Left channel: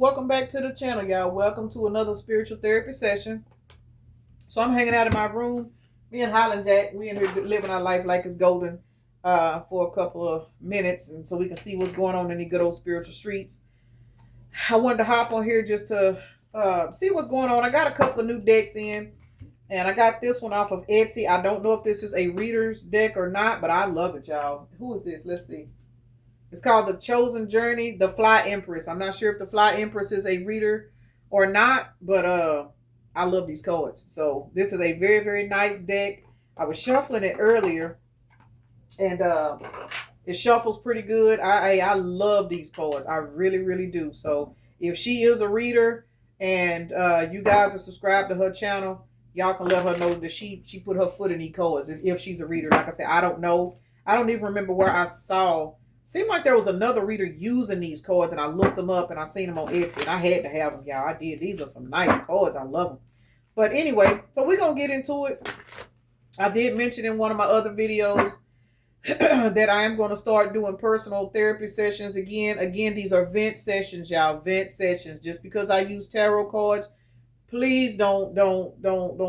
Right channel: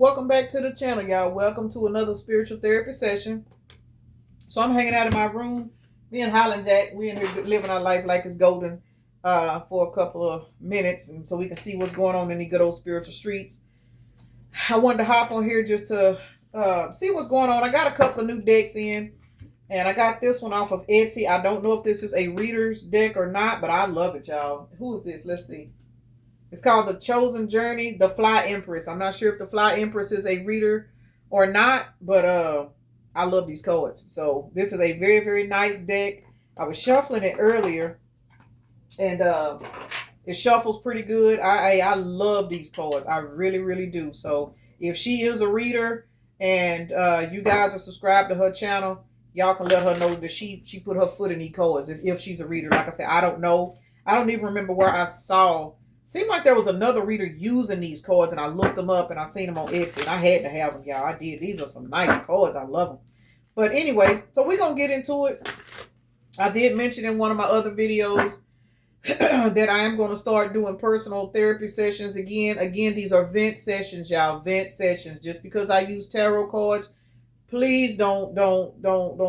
Welcome back to the channel, y'all. Welcome to another spiritual therapy session. So I'm hanging out in my room. Me and Holland Jack, we in here living our life like it's golden for a couple of minutes, and so we can see what's going on in the good old spiritual streets. I wanted to hop on here just to see what's going on. I got a couple of new decks in, and I got this one off of Etsy. I don't know if this is a reader's deck or not, but I love it, y'all. Who is this? Let's see. It's called The Chosen Journey, The Fly Empress. I'm not sure if The Fly Empress is a reader or not, but I love these cards. So this is a very, very nice deck. I was shuffling it earlier, and it shuffles pretty good. I love these cards. I really, really do. So if she is a reader and you guys are subscribed to her channel, y'all can let her know that she put her foot in these cards if she's a reader. Like I said, I don't know. I don't even remember where I saw. Seemed like there was another reader using these cards, and I looked them up and I seen them on Etsy, and I had to have them, y'all. I did. These are some nice cards. I love them. But anyway, so we're going to get into it. I did mention in one of my other videos that I am going to start doing personal therapy sessions again. Again, these are vent sessions, y'all. Vent sessions. Just because I use tarot cards, please don't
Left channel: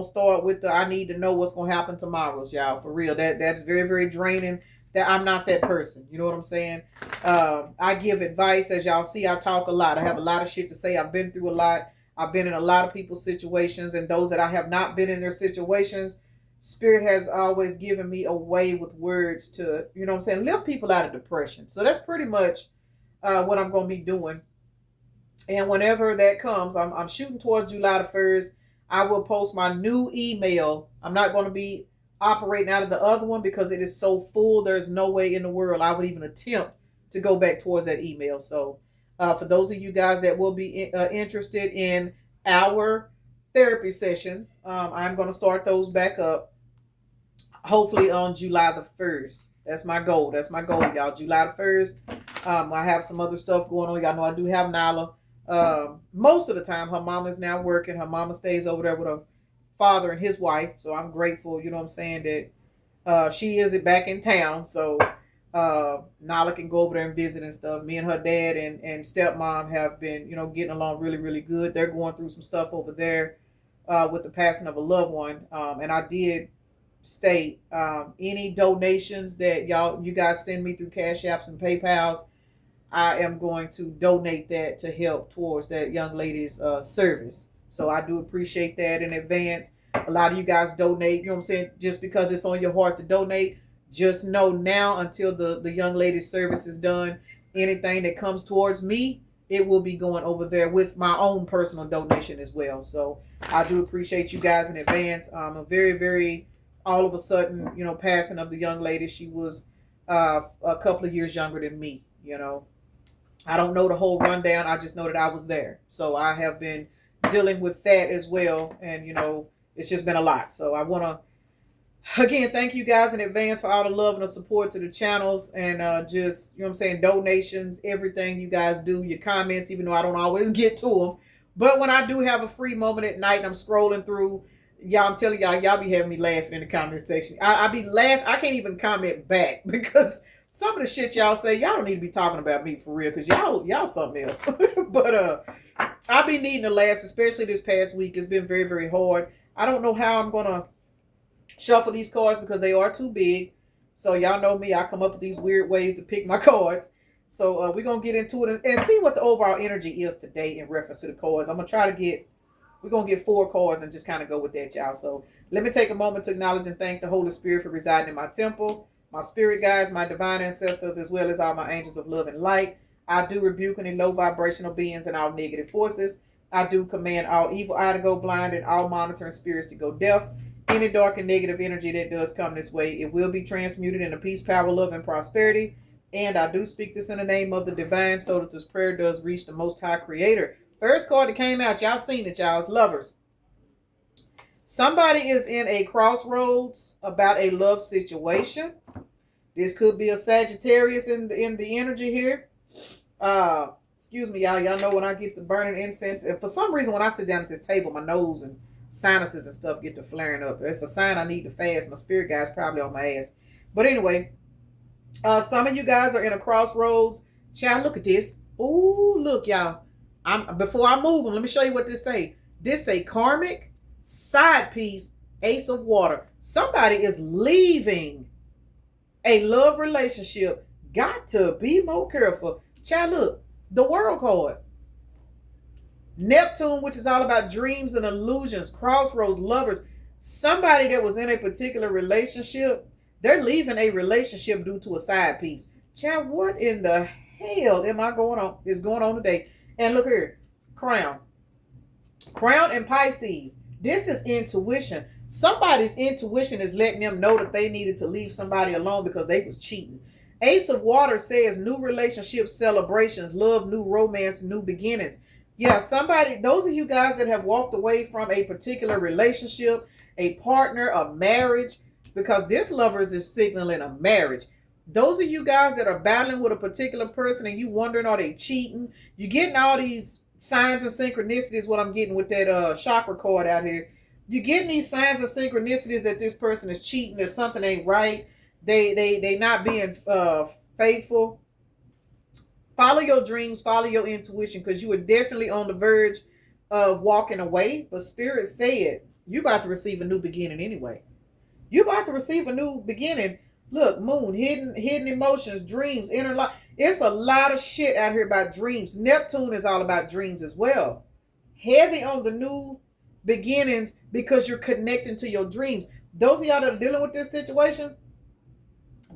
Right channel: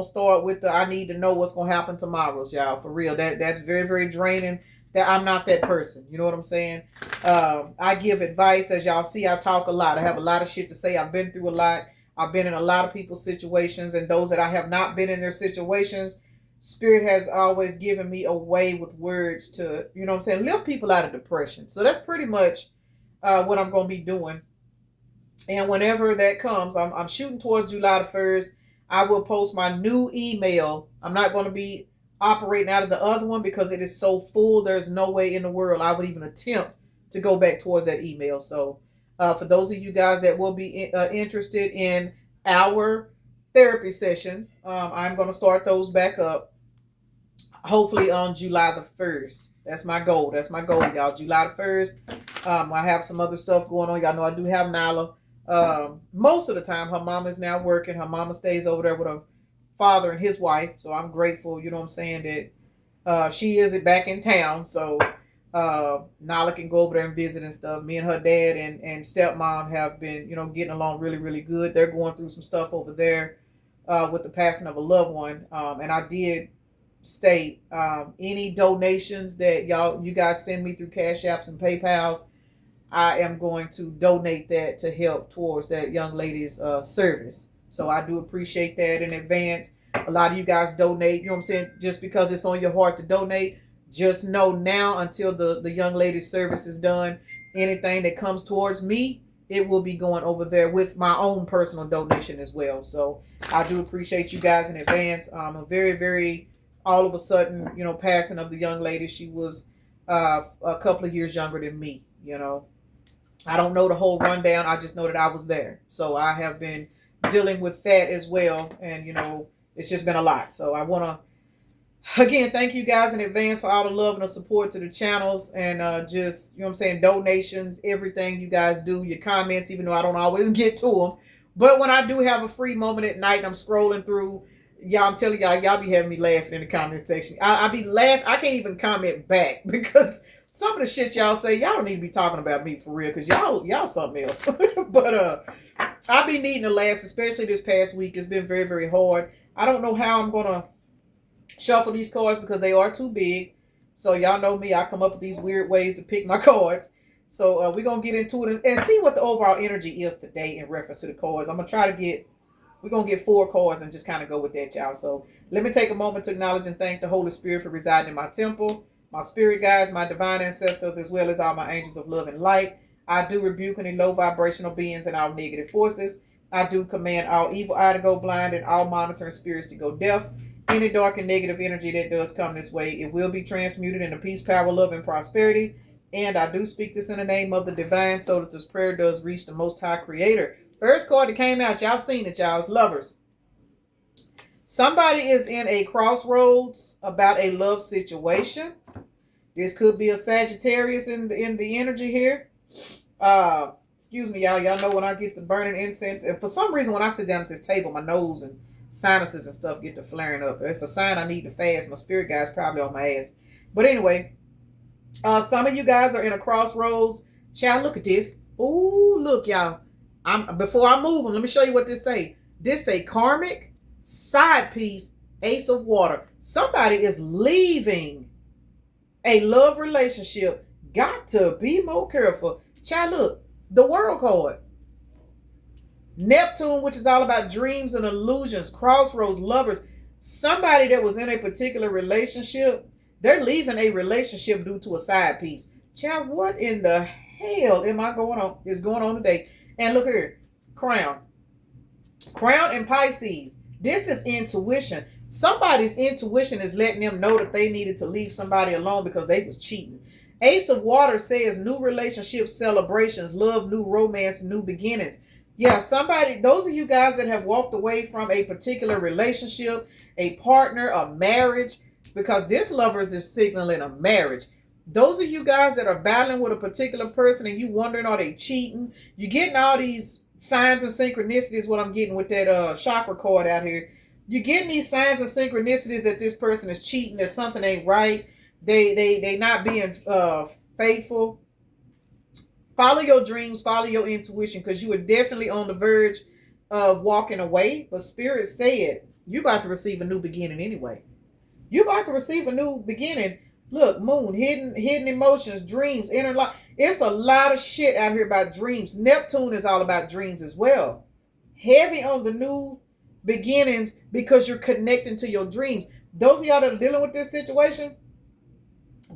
start with the I need to know what's going to happen tomorrow's, y'all. For real. That's very, very draining. That I'm not that person. You know what I'm saying? I give advice. As y'all see, I talk a lot. I have a lot of shit to say. I've been through a lot. I've been in a lot of people's situations, and those that I have not been in their situations, Spirit has always given me a way with words to, you know what I'm saying, lift people out of depression. So that's pretty much what I'm going to be doing. And whenever that comes, I'm shooting towards July the 1st. I will post my new email. I'm not going to be operating out of the other one because it is so full. There's no way in the world I would even attempt to go back towards that email. So for those of you guys that will be interested in our therapy sessions, I'm going to start those back up hopefully on July the 1st. That's my goal. That's my goal, y'all. July the 1st. I have some other stuff going on. Y'all know I do have Nala. Most of the time, her mama is now working. Her mama stays over there with her father and his wife. So I'm grateful, you know what I'm saying, that she is back in town. So Nala can go over there and visit and stuff. Me and her dad and stepmom have been, you know, getting along really, really good. They're going through some stuff over there with the passing of a loved one. And I did state any donations that you guys send me through Cash Apps and PayPals, I am going to donate that to help towards that young lady's service. So I do appreciate that in advance. A lot of you guys donate, you know what I'm saying, just because it's on your heart to donate. Just know now until the young lady's service is done, anything that comes towards me, it will be going over there with my own personal donation as well. So I do appreciate you guys in advance. A very, very, all of a sudden, you know, passing of the young lady. She was a couple of years younger than me, you know. I don't know the whole rundown. I just know that I was there. So I have been dealing with that as well. And, you know, it's just been a lot. So I want to, again, thank you guys in advance for all the love and the support to the channels. And just, you know what I'm saying, donations, everything you guys do, your comments, even though I don't always get to them. But when I do have a free moment at night and I'm scrolling through, y'all, I'm telling y'all be having me laughing in the comment section. I be laughing. I can't even comment back because some of the shit y'all say, y'all don't need to be talking about me for real, because y'all something else. But I be needing to laugh, especially this past week. It's been very, very hard. I don't know how I'm gonna shuffle these cards because they are too big. So y'all know me, I come up with these weird ways to pick my cards. So we're gonna get into it and see what the overall energy is today in reference to the cards. I'm gonna try to get, we're gonna get 4 cards and just kind of go with that, y'all. So let me take a moment to acknowledge and thank the Holy Spirit for residing in my temple, my spirit guides, my divine ancestors, as well as all my angels of love and light. I do rebuke any low vibrational beings and all negative forces. I do command all evil eye to go blind and all monitoring spirits to go deaf. Any dark and negative energy that does come this way, it will be transmuted into peace, power, love, and prosperity. And I do speak this in the name of the divine so that this prayer does reach the Most High Creator. First card that came out, y'all seen it, y'all. It's lovers. Somebody is in a crossroads about a love situation. This could be a Sagittarius in the energy here. Excuse me, y'all. Y'all know when I get the burning incense, and for some reason when I sit down at this table, my nose and sinuses and stuff get to flaring up. It's a sign I need to fast. My spirit guy's probably on my ass. But anyway, some of you guys are in a crossroads. Child, look at this. Ooh, look, y'all. Before I move them, let me show you what this say. This say karmic side piece, ace of water. Somebody is leaving a love relationship. Got to be more careful. Child, look, the world card. Neptune, which is all about dreams and illusions, crossroads, lovers. Somebody that was in a particular relationship, they're leaving a relationship due to a side piece. Child, what in the hell is going on today? And look here, Crown. Crown and Pisces. This is intuition. Somebody's intuition is letting them know that they needed to leave somebody alone because they was cheating. Ace of Water says new relationships, celebrations, love, new romance, new beginnings. Yeah, those of you guys that have walked away from a particular relationship, a partner, a marriage, because this lovers is signaling a marriage. Those of you guys that are battling with a particular person and you wondering, are they cheating? You're getting all these signs and synchronicities, what I'm getting with that chakra card out here. You're getting these signs and synchronicities that this person is cheating, that something ain't right. They not being faithful. Follow your dreams, follow your intuition, because you are definitely on the verge of walking away. But Spirit said you about to receive a new beginning anyway. You about to receive a new beginning. Look, moon, hidden emotions, dreams, inner life. It's a lot of shit out here about dreams. Neptune is all about dreams as well. Heavy on the new beginnings because you're connecting to your dreams. Those of y'all that are dealing with this situation,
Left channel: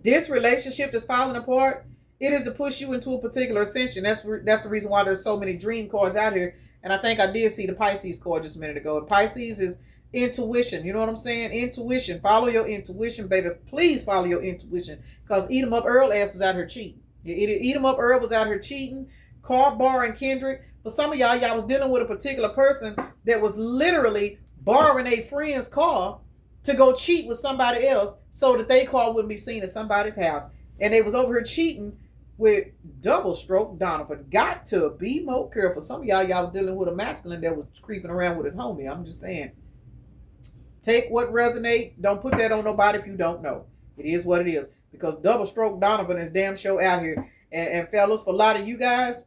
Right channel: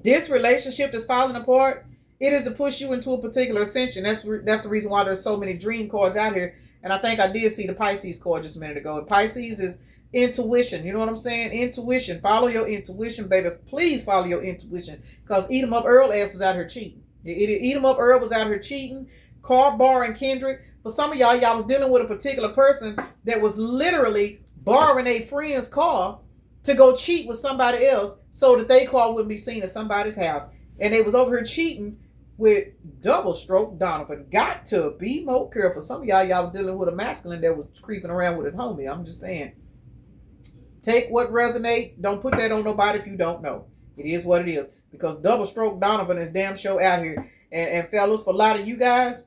this relationship that's falling apart, it is to push you into a particular ascension. That's the reason why there's so many dream cards out here. And I think I did see the Pisces card just a minute ago. And Pisces is intuition. You know what I'm saying? Intuition. Follow your intuition, baby. Please follow your intuition. Because Eat 'em Up Earl ass was out here cheating. Eat 'em Up Earl was out here cheating. Carl, Bar, and Kendrick. For some of y'all was dealing with a particular person that was literally borrowing a friend's car to go cheat with somebody else so that their car wouldn't be seen at somebody's house. And they was over here cheating with double stroke Donovan. Got to be more careful. Some of y'all dealing with a masculine that was creeping around with his homie. I'm just saying. Take what resonate. Don't put that on nobody if you don't know. It is what it is. Because double stroke Donovan is damn show out here. And fellas, for a lot of you guys,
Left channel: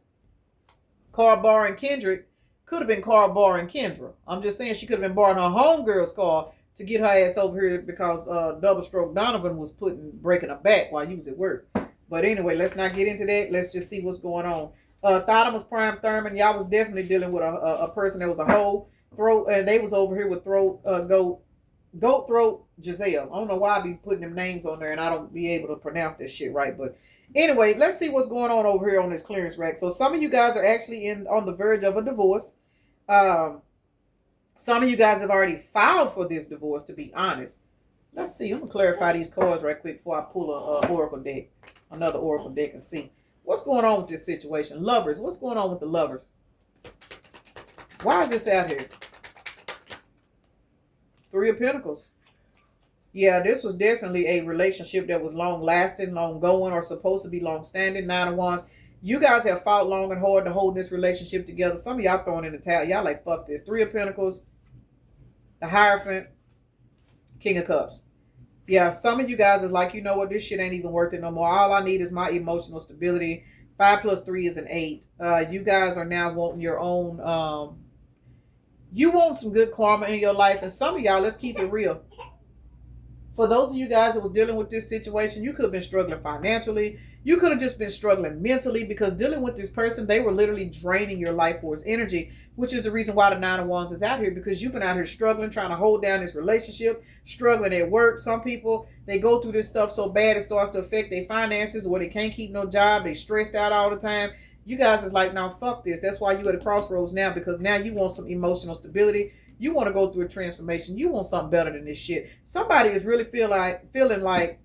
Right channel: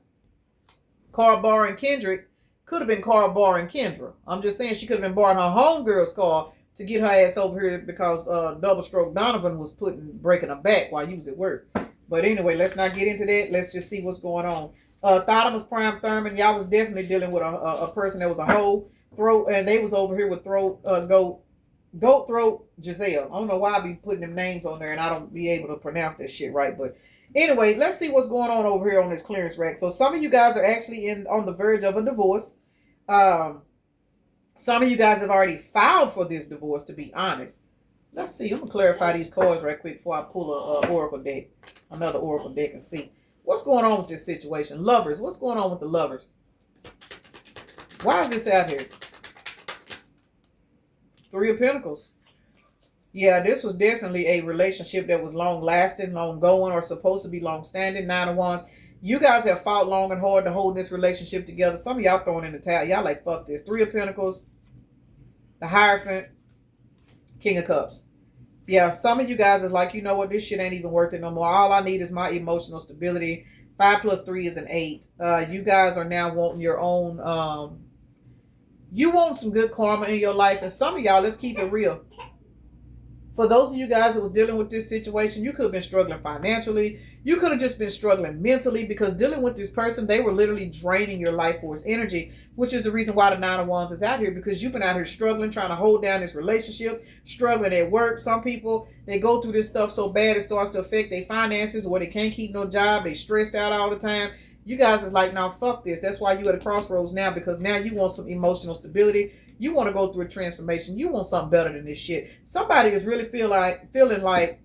Carl, Bar, and Kendrick could have been Carl, Bar, and Kendra. I'm just saying she could have been borrowing her homegirl's car to get her ass over here because double stroke Donovan was breaking her back while you was at work. But anyway, let's not get into that. Let's just see what's going on. Thotimus Prime Thurman, y'all was definitely dealing with a person that was a hoe throat, and they was over here with goat throat Giselle. I don't know why I be putting them names on there and I don't be able to pronounce that shit right. But anyway, let's see what's going on over here on this clearance rack. So some of you guys are actually on the verge of a divorce. Some of you guys have already filed for this divorce, to be honest. Let's see. I'm going to clarify these cards right quick before I pull another oracle deck and see. What's going on with this situation? Lovers. What's going on with the lovers? Why is this out here? Three of Pentacles. Yeah, this was definitely a relationship that was long-lasting, long-going, or supposed to be long-standing. Nine of Wands. You guys have fought long and hard to hold this relationship together. Some of y'all throwing in the towel. Y'all like, fuck this. Three of Pentacles. The Hierophant. King of Cups. Yeah, some of you guys is like, you know what? This shit ain't even worth it no more. All I need is my emotional stability. 5 plus 3 is an 8. You guys are now wanting your own... you want some good karma in your life. And some of y'all, let's keep it real. For those of you guys that was dealing with this situation, you could have been struggling financially. You could have just been struggling mentally because dealing with this person, they were literally draining your life force energy, which is the reason why the Nine of Wands is out here, because you've been out here struggling, trying to hold down this relationship, struggling at work. Some people, they go through this stuff so bad it starts to affect their finances, or they can't keep no job. They stressed out all the time. You guys is like, now fuck this. That's why you at a crossroads now, because now you want some emotional stability. You want to go through a transformation. You want something better than this shit. Somebody is really feeling like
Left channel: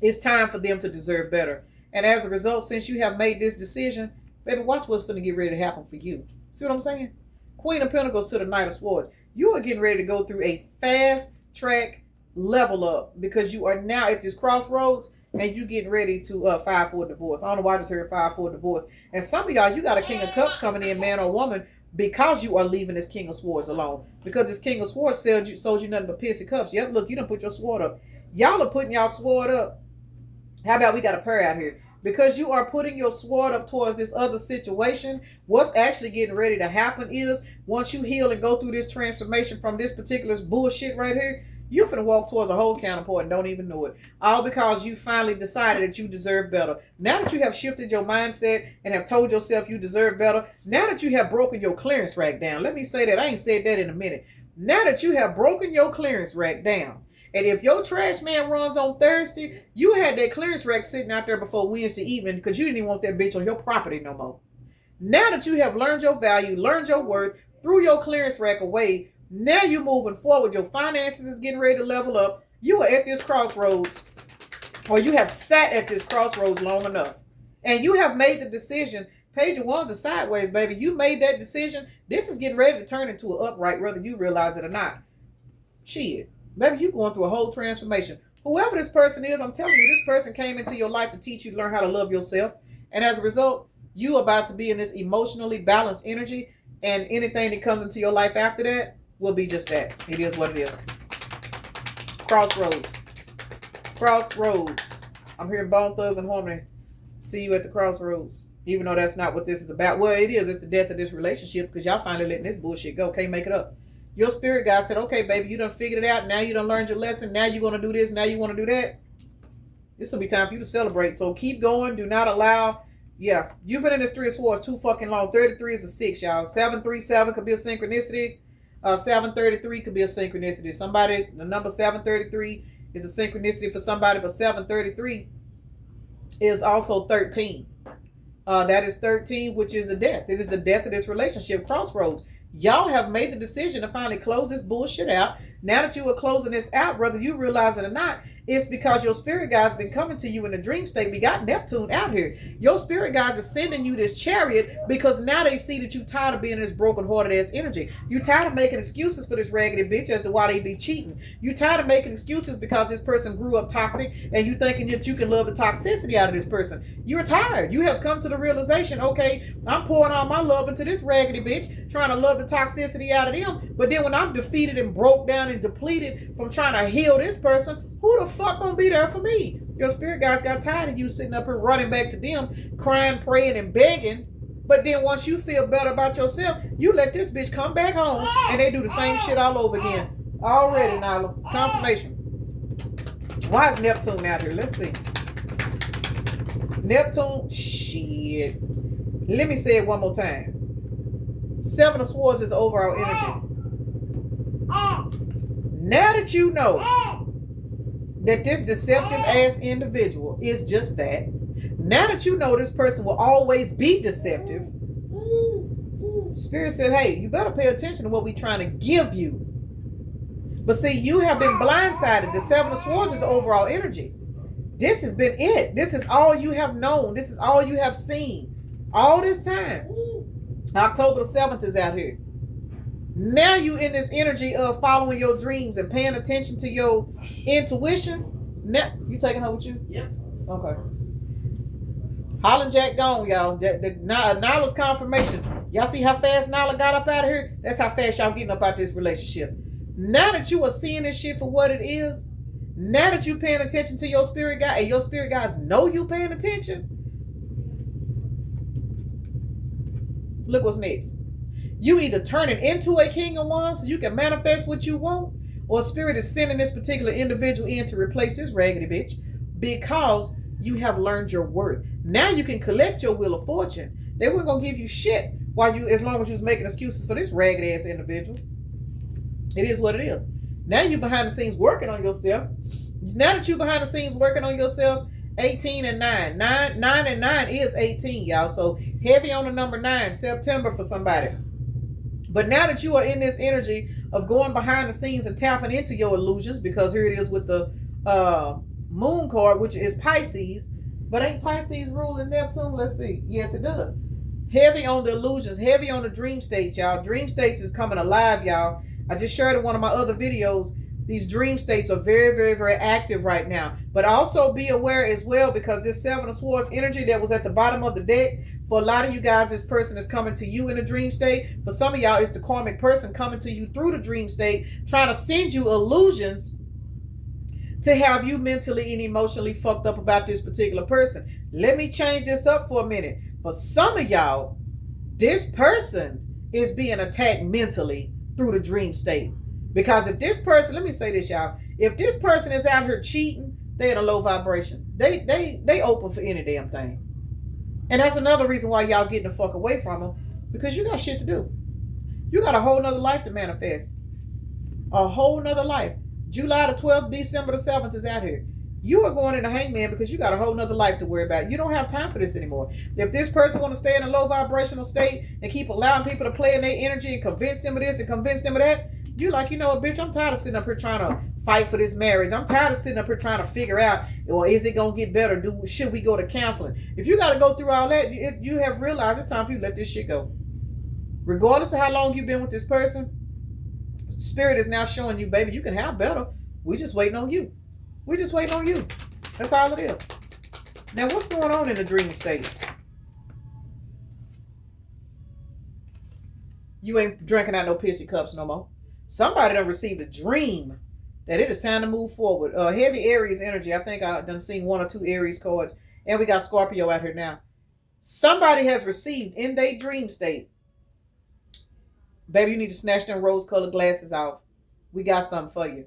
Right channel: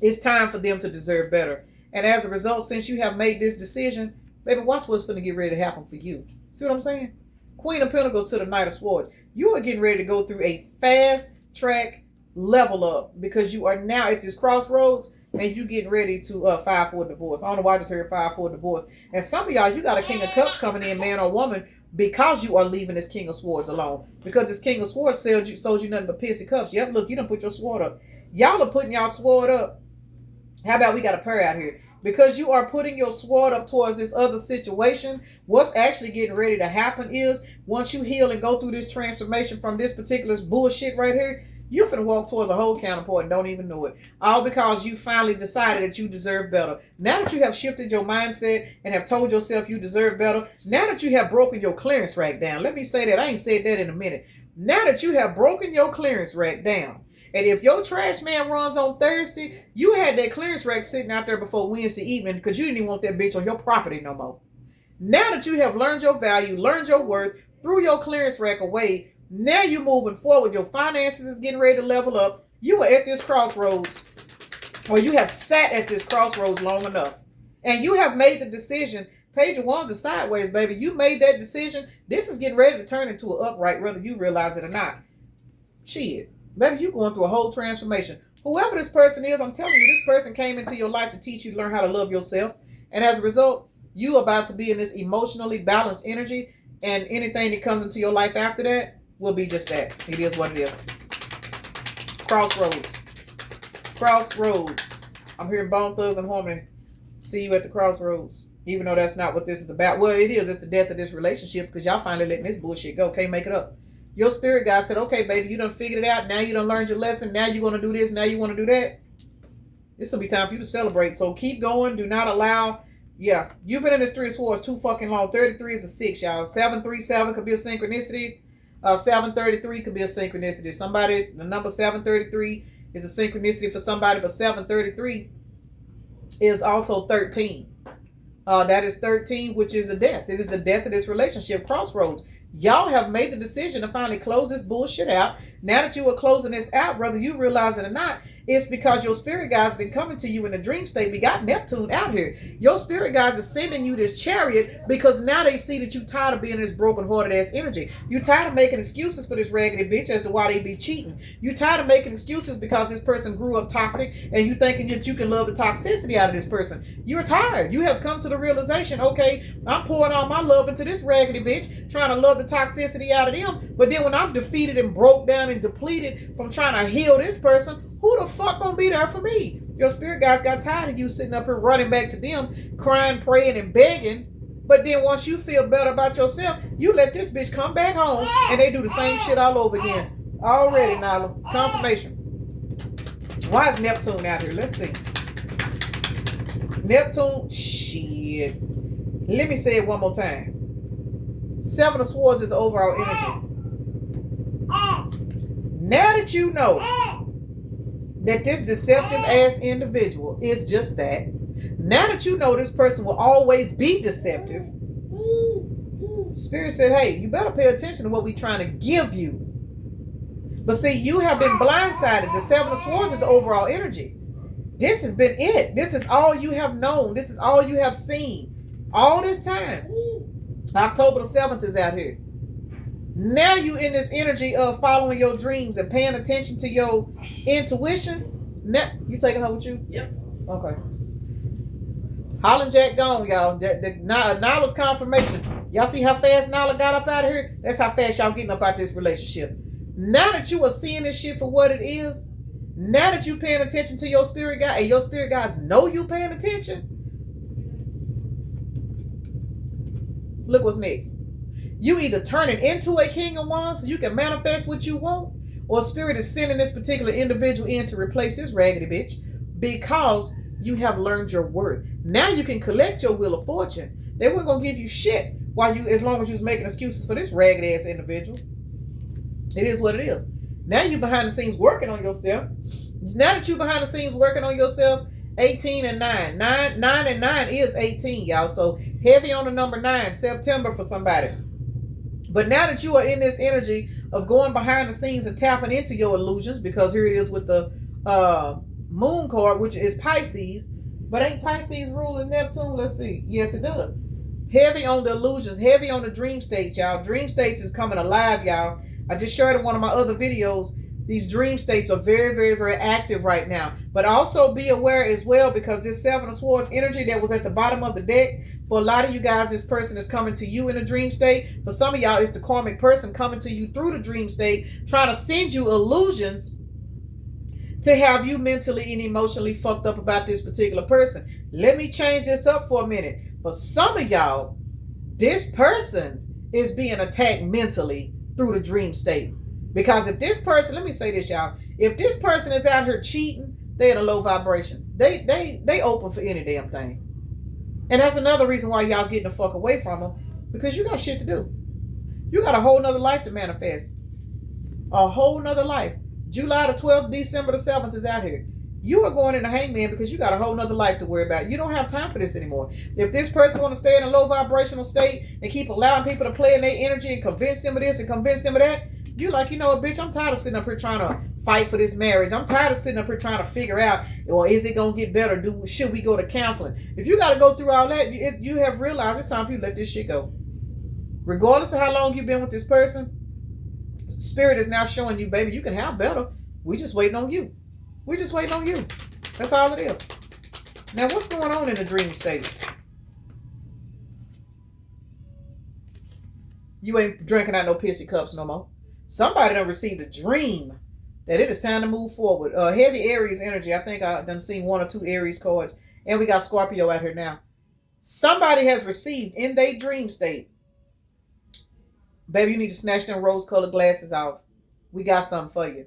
it's time for them to deserve better. And as a result, since you have made this decision, baby, watch what's going to get ready to happen for you. See what I'm saying? Queen of Pentacles to the Knight of Swords. You are getting ready to go through a fast track level up because you are now at this crossroads and you getting ready to file for a divorce. I don't know why I just heard file for a divorce. And some of y'all, you got a King of Cups coming in, man or woman, because you are leaving this King of Swords alone. Because this King of Swords sold you nothing but pissy cups. Yep, look, you done put your sword up. Y'all are putting y'all sword up. How about we got a pair out here? Because you are putting your sword up towards this other situation, what's actually getting ready to happen is once you heal and go through this transformation from this particular bullshit right here, you're finna walk towards a whole counterpart and don't even know it. All because you finally decided that you deserve better. Now that you have shifted your mindset and have told yourself you deserve better, now that you have broken your clearance rack down, let me say that, I ain't said that in a minute. Now that you have broken your clearance rack down, and if your trash man runs on Thursday, you had that clearance rack sitting out there before Wednesday evening because you didn't even want that bitch on your property no more. Now that you have learned your value, learned your worth, threw your clearance rack away, now you're moving forward. Your finances is getting ready to level up. You are at this crossroads, or you have sat at this crossroads long enough, and you have made the decision. Page of Wands is sideways, baby. You made that decision. This is getting ready to turn into an upright, whether you realize it or not. Shit. Baby, you're going through a whole transformation. Whoever this person is, I'm telling you, this person came into your life to teach you to learn how to love yourself. And as a result, you about to be in this emotionally balanced energy. And anything that comes into your life after that will be just that. It is what it is. Crossroads. Crossroads. I'm hearing Bone Thugs and Harmony. See you at the crossroads. Even though that's not what this is about. Well, it is. It's the death of this relationship because y'all finally letting this bullshit go. Can't make it up. Your spirit guide said, okay, baby, you done figured it out. Now you done learned your lesson. Now you're going to do this. Now you want to do that. This will be time for you to celebrate. So keep going. Do not allow. Yeah, you've been in this 3 of Swords too fucking long. 33 is a 6, y'all. 737 could be a synchronicity. 733 could be a synchronicity. Somebody, the number 733 is a synchronicity for somebody, but 733 is also 13. That is 13, which is the death. It is the death of this relationship. Crossroads. Y'all have made the decision to finally close this bullshit out. Now that you are closing this out, whether you realize it or not, it's because your spirit guides been coming to you in a dream state. We got Neptune out here. Your spirit guides are sending you this chariot because now they see that you tired of being this broken-hearted ass energy. You tired of making excuses for this raggedy bitch as to why they be cheating. You tired of making excuses because this person grew up toxic and you thinking that you can love the toxicity out of this person. You're tired. You have come to the realization, okay, I'm pouring all my love into this raggedy bitch, trying to love the toxicity out of them. But then when I'm defeated and broke down and depleted from trying to heal this person, who the fuck gonna be there for me? Your spirit guys got tired of you sitting up here running back to them, crying, praying, and begging. But then once you feel better about yourself, you let this bitch come back home and they do the same shit all over again. Already, Nyla. Confirmation. Why is Neptune out here? Let's see. Neptune, shit. Let me say it one more time. 7 of Swords is the overall energy. Now that you know that this deceptive ass individual is just that, now that you know this person will always be deceptive, Spirit said, hey, you better pay attention to what we're trying to give you. But see, you have been blindsided. The 7 of Swords is the overall energy. This has been it. This is all you have known. This is all you have seen. All this time. October the 7th is out here. Now you in this energy of following your dreams and paying attention to your intuition. Now, you taking her with you? Yep. Okay. Holland Jack gone, y'all. Nyla's confirmation. Y'all see how fast Nyla got up out of here? That's how fast y'all getting up out this relationship. Now that you are seeing this shit for what it is, now that you paying attention to your spirit guide, and your spirit guides know you paying attention, look what's next. You either turn it into a King of Wands so you can manifest what you want, or Spirit is sending this particular individual in to replace this raggedy bitch because you have learned your worth. Now you can collect your Wheel of Fortune. They weren't going to give you shit while you, as long as you was making excuses for this raggedy ass individual. It is what it is. Now you behind the scenes working on yourself. Now that you behind the scenes working on yourself, 18 and 9. 9 and 9 is 18, y'all. So heavy on the number 9, September for somebody. But now that you are in this energy of going behind the scenes and tapping into your illusions, because here it is with the moon card, which is Pisces. But ain't Pisces ruling Neptune? Let's see. Yes, it does. Heavy on the illusions, heavy on the dream states, y'all. Dream states is coming alive, y'all. I just shared in one of my other videos. These dream states are very, very, very active right now. But also be aware as well, because this 7 of Swords energy that was at the bottom of the deck, for a lot of you guys, this person is coming to you in a dream state. For some of y'all, it's the karmic person coming to you through the dream state, trying to send you illusions to have you mentally and emotionally fucked up about this particular person. Let me change this up for a minute. For some of y'all, this person is being attacked mentally through the dream state. Because if this person, let me say this, y'all, if this person is out here cheating, they're in a low vibration. They open for any damn thing. And that's another reason why y'all getting the fuck away from them, because you got shit to do. You got a whole nother life to manifest. A whole nother life. July the 12th, December the 7th is out here. You are going in a hangman because you got a whole nother life to worry about. You don't have time for this anymore. If this person want to stay in a low vibrational state and keep allowing people to play in their energy and convince them of this and convince them of that, you like, you know what, bitch, I'm tired of sitting up here trying to fight for this marriage. I'm tired of sitting up here trying to figure out, well, is it going to get better? Should we go to counseling? If you got to go through all that, you have realized it's time for you to let this shit go. Regardless of how long you've been with this person, Spirit is now showing you, baby, you can have better. We just waiting on you. We just waiting on you. That's all it is. Now, what's going on in the dream state? You ain't drinking out no pissy cups no more. Somebody done received a dream that it is time to move forward. Heavy Aries energy. I think I done seen 1 or 2 Aries cards. And we got Scorpio out here now. Somebody has received in their dream state, baby, you need to snatch them rose-colored glasses off. We got something for you.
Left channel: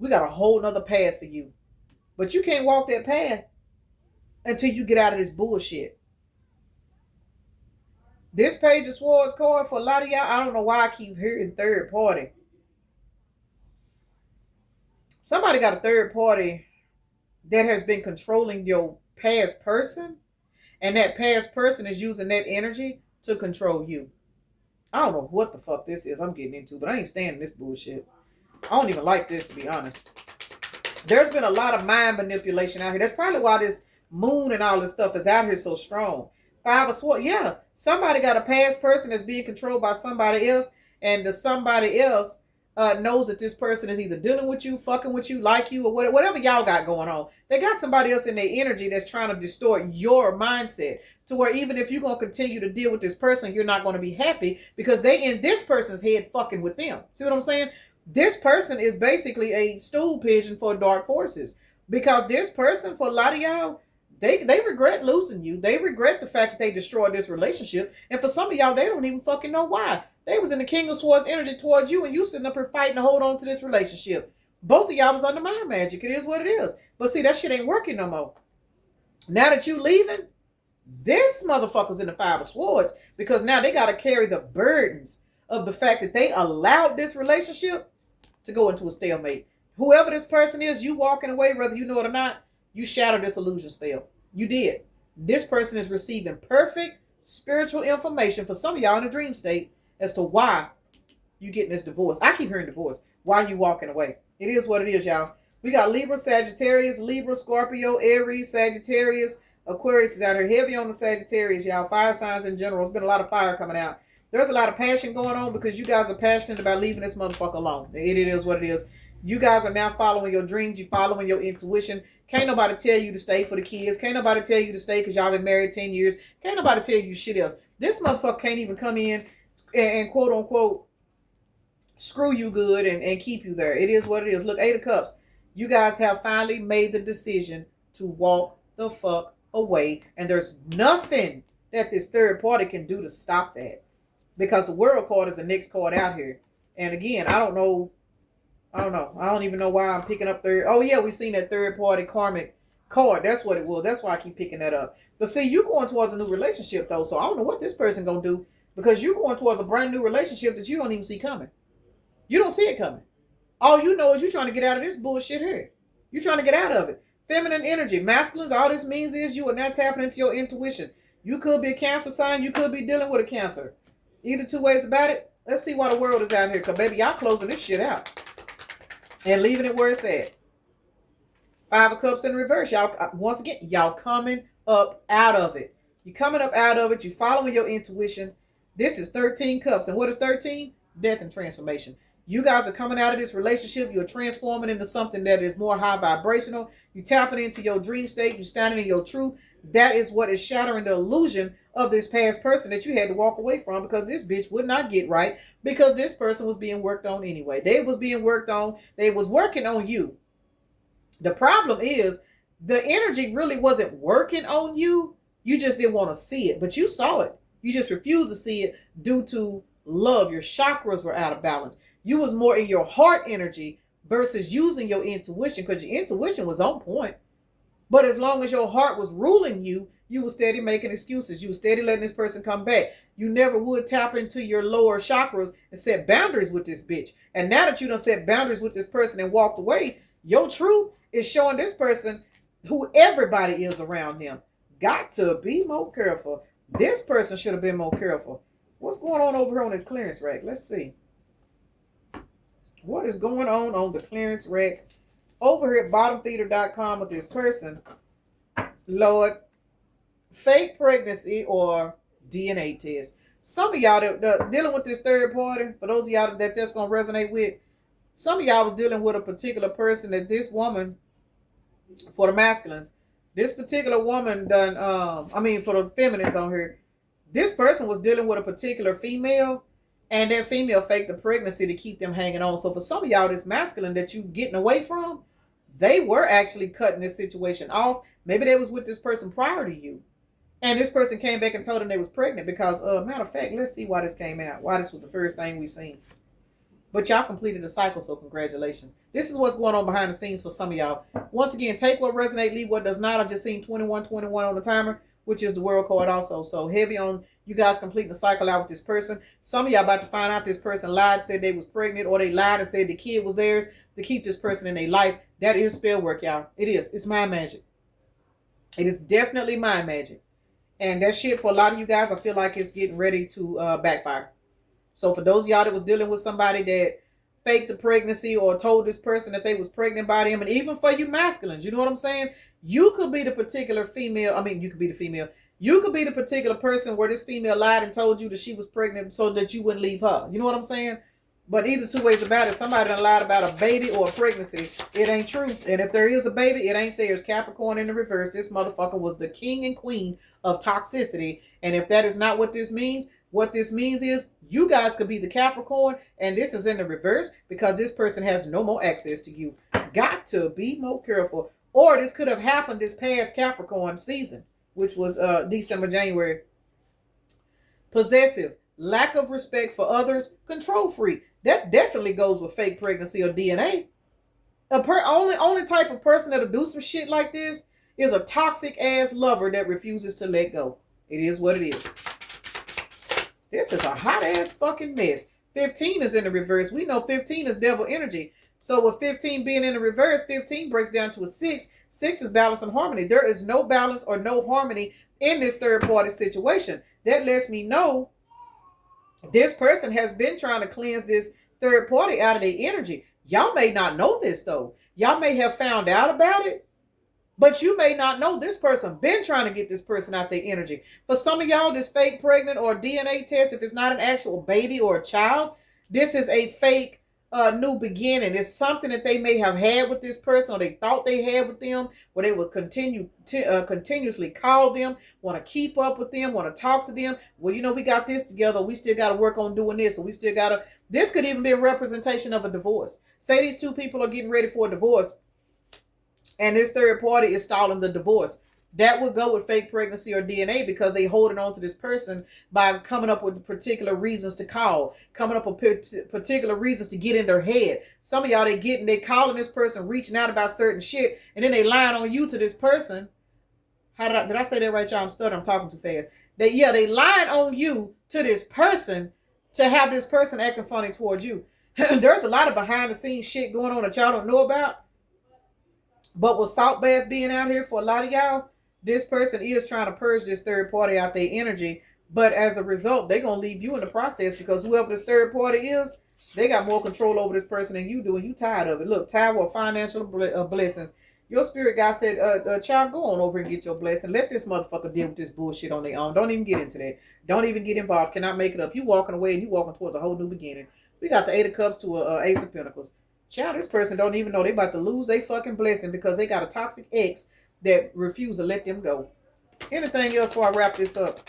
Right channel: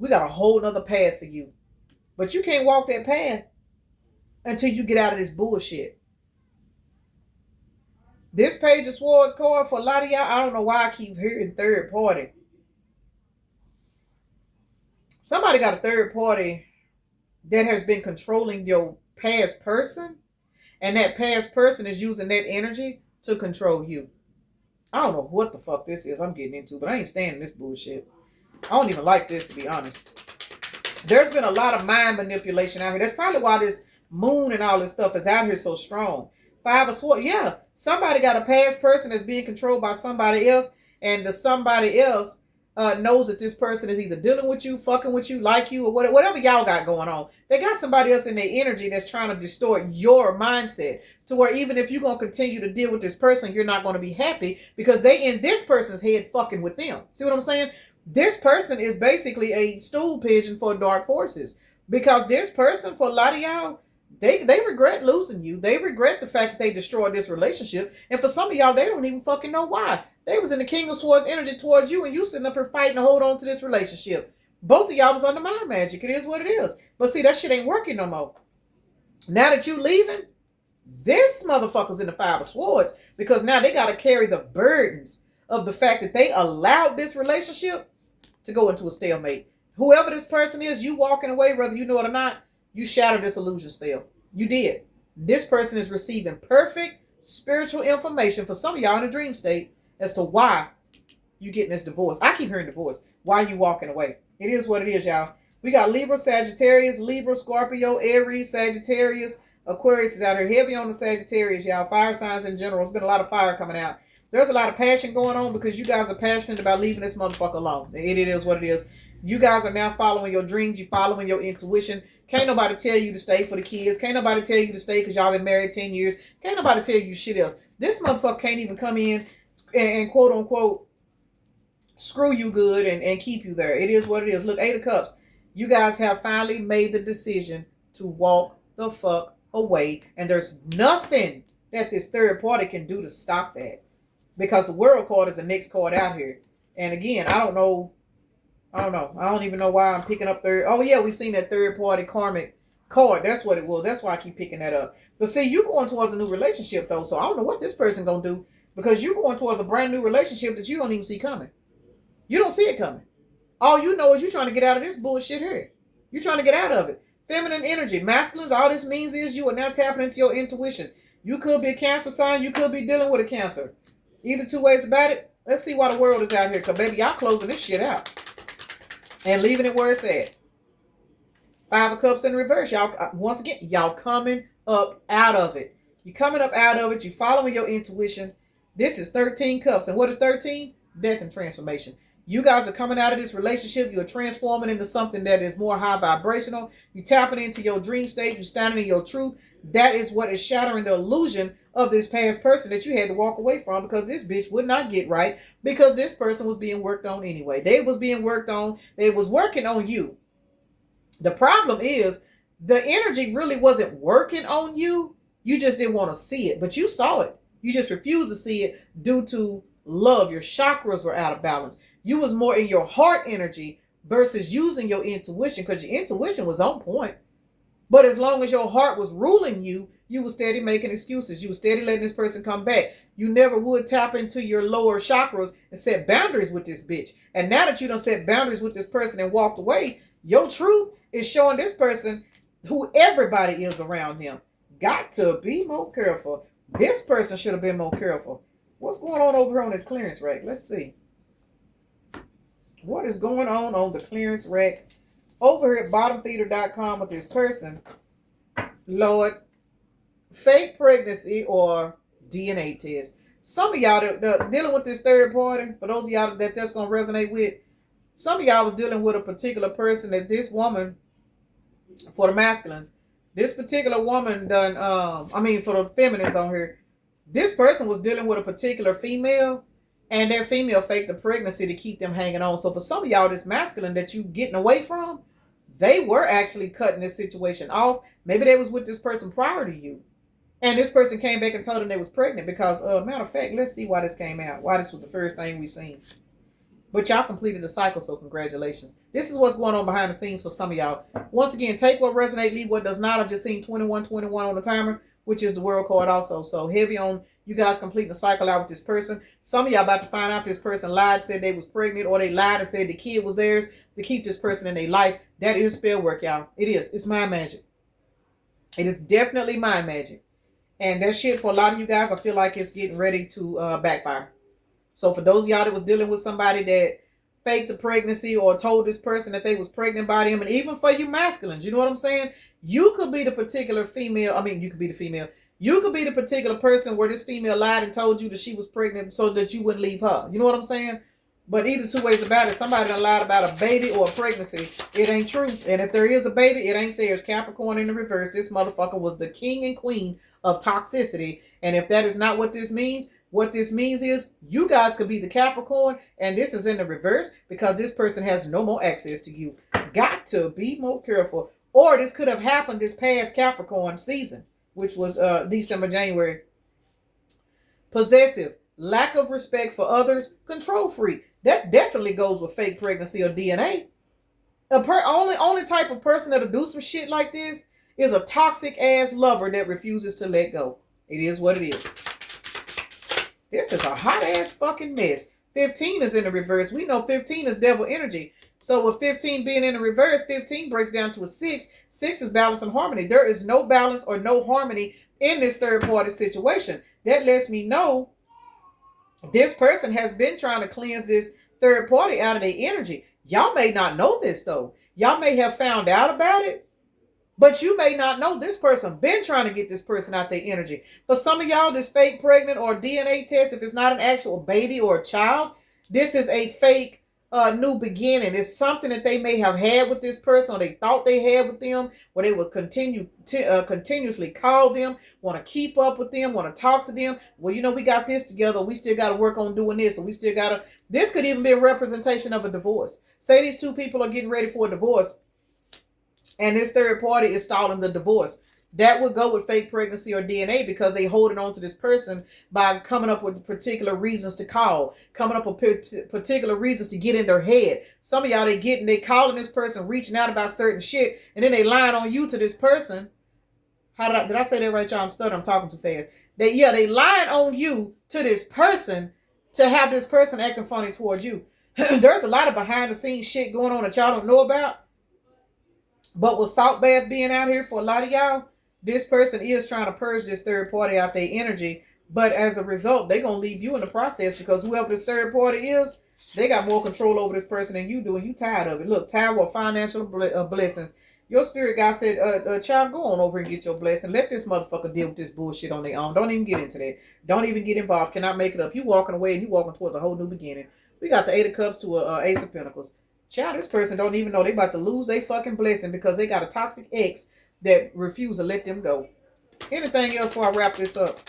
We got a whole nother path for you. But you can't walk that path until you get out of this bullshit. This Page of Swords card, for a lot of y'all, I don't know why I keep hearing third party. Somebody got a third party that has been controlling your past person, and that past person is using that energy to control you. I don't know what the fuck this is I'm getting into, but I ain't standing this bullshit. I don't even like this, to be honest. There's been a lot of mind manipulation out here. That's probably why this moon and all this stuff is out here so strong. 5 of Swords. Yeah, somebody got a past person that's being controlled by somebody else, and the somebody else knows that this person is either dealing with you, fucking with you, like you, or whatever y'all got going on. They got somebody else in their energy that's trying to distort your mindset to where even if you're going to continue to deal with this person, you're not going to be happy because they in this person's head fucking with them. See what I'm saying? This person is basically a stool pigeon for dark forces, because this person, for a lot of y'all, they regret losing you. They regret the fact that they destroyed this relationship. And for some of y'all, they don't even fucking know why. They was in the King of Swords energy towards you, and you sitting up here fighting to hold on to this relationship. Both of y'all was under mind magic. It is what it is. But see, that shit ain't working no more. Now that you leaving, this motherfucker's in the 5 of Swords, because now they got to carry the burdens of the fact that they allowed this relationship to go into a stalemate. Whoever this person is, you walking away, whether you know it or not, you shattered this illusion spell. You did. This person is receiving perfect spiritual information for some of y'all in a dream state as to why you getting this divorce. I keep hearing divorce. Why you walking away? It is what it is, y'all. We got Libra, Sagittarius, Libra, Scorpio, Aries, Sagittarius, Aquarius is out here. Heavy on the Sagittarius, y'all. Fire signs in general. There's been a lot of fire coming out. There's a lot of passion going on because you guys are passionate about leaving this motherfucker alone. It is what it is. You guys are now following your dreams. You're following your intuition. Can't nobody tell you to stay for the kids. Can't nobody tell you to stay because y'all been married 10 years. Can't nobody tell you shit else. This motherfucker can't even come in and quote unquote screw you good and keep you there. It is what it is. Look, 8 of Cups. You guys have finally made the decision to walk the fuck away. And there's nothing that this third party can do to stop that. Because the World card is the next card out here. And again, I don't know. I don't even know why I'm picking up third. Oh, yeah, we seen that third party karmic card. That's what it was. That's why I keep picking that up. But see, you going towards a new relationship, though. So I don't know what this person going to do. Because you're going towards a brand new relationship that you don't even see coming. You don't see it coming. All you know is you're trying to get out of this bullshit here. You're trying to get out of it. Feminine energy. Masculines, all this means is you are now tapping into your intuition. You could be a Cancer sign. You could be dealing with a Cancer. Either two ways about it. Let's see why the world is out here. Because, baby, y'all closing this shit out. And leaving it where it's at. 5 of Cups in reverse. Y'all, once again, y'all coming up out of it. You're coming up out of it. You're following your intuition. This is 13 Cups. And what is 13? Death and transformation. You guys are coming out of this relationship. You're transforming into something that is more high vibrational. You're tapping into your dream state. You're standing in your truth. That is what is shattering the illusion of this past person that you had to walk away from, because this bitch would not get right, because this person was being worked on anyway. They was being worked on. They was working on you. The problem is the energy really wasn't working on you. You just didn't want to see it, but you saw it. You just refused to see it due to love. Your chakras were out of balance. You was more in your heart energy versus using your intuition, because your intuition was on point. But as long as your heart was ruling you, you were steady making excuses. You were steady letting this person come back. You never would tap into your lower chakras and set boundaries with this bitch. And now that you done set boundaries with this person and walked away, your truth is showing this person who everybody is around them. Got to be more careful. This person should have been more careful. What's going on over here on this clearance rack? Let's see. What is going on the clearance rack over here at bottomfeeder.com with this person? Lord, fake pregnancy or DNA test. Some of y'all that dealing with this third party, for those of y'all that's going to resonate with, some of y'all was dealing with a particular person that this woman, for the masculines, this particular woman done, for the feminines on here, this person was dealing with a particular female, and that female faked the pregnancy to keep them hanging on. So for some of y'all, this masculine that you getting away from, they were actually cutting this situation off. Maybe they was with this person prior to you. And this person came back and told them they was pregnant because, matter of fact, let's see why this came out. Why this was the first thing we seen. But y'all completed the cycle, so congratulations. This is what's going on behind the scenes for some of y'all. Once again, take what resonates, leave what does not. I've just seen 2121 on the timer, which is the world card also. So heavy on you guys completing the cycle out with this person. Some of y'all about to find out this person lied, said they was pregnant, or they lied and said the kid was theirs to keep this person in their life. That is spell work, y'all. It is. It's mind magic. It is definitely mind magic. And that shit, for a lot of you guys, I feel like it's getting ready to backfire. So for those of y'all that was dealing with somebody that faked the pregnancy or told this person that they was pregnant by them, and even for you masculines, you know what I'm saying? You could be the particular female. You could be the female. You could be the particular person where this female lied and told you that she was pregnant so that you wouldn't leave her. You know what I'm saying? But either two ways about it, somebody done lied about a baby or a pregnancy. It ain't true. And if there is a baby, it ain't theirs. Capricorn in the reverse. This motherfucker was the king and queen of toxicity. And if that is not what this means is you guys could be the Capricorn, and this is in the reverse because this person has no more access to you. Got to be more careful. Or this could have happened this past Capricorn season, which was December, January. Possessive, lack of respect for others, control freak. That definitely goes with fake pregnancy or DNA. Only type of person that'll do some shit like this is a toxic ass lover that refuses to let go. It is what it is. This is a hot ass fucking mess. 15 is in the reverse. We know 15 is devil energy. So with 15 being in the reverse, 15 breaks down to a 6. 6 is balance and harmony. There is no balance or no harmony in this third party situation. That lets me know this person has been trying to cleanse this third party out of their energy. Y'all may not know this though. Y'all may have found out about it, but you may not know this person been trying to get this person out their energy. For some of y'all, this fake pregnant or DNA test, if it's not an actual baby or a child, this is a fake new beginning. It's something that they may have had with this person, or they thought they had with them, where they would continuously call them, want to keep up with them, want to talk to them. Well, we got this together. We still got to work on doing this, or we still got to. This could even be a representation of a divorce. Say these two people are getting ready for a divorce, and this third party is stalling the divorce. That would go with fake pregnancy or DNA because they holding on to this person by coming up with particular reasons to call, coming up with particular reasons to get in their head. Some of y'all, they calling this person, reaching out about certain shit, and then they lying on you to this person. Did I say that right, y'all? I'm stuttering. I'm talking too fast. They lying on you to this person to have this person acting funny towards you. There's a lot of behind the scenes shit going on that y'all don't know about. But with salt bath being out here for a lot of y'all, this person is trying to purge this third party out their energy. But as a result, they're going to leave you in the process because whoever this third party is, they got more control over this person than you do, and you tired of it. Look, tired of financial blessings. Your spirit guy said, child, go on over and get your blessing. Let this motherfucker deal with this bullshit on their own. Don't even get into that. Don't even get involved. Cannot make it up. You walking away and you walking towards a whole new beginning. We got the 8 of Cups to a Ace of Pentacles. Child, this person don't even know they about to lose their fucking blessing because they got a toxic ex that refuse to let them go. Anything else before I wrap this up?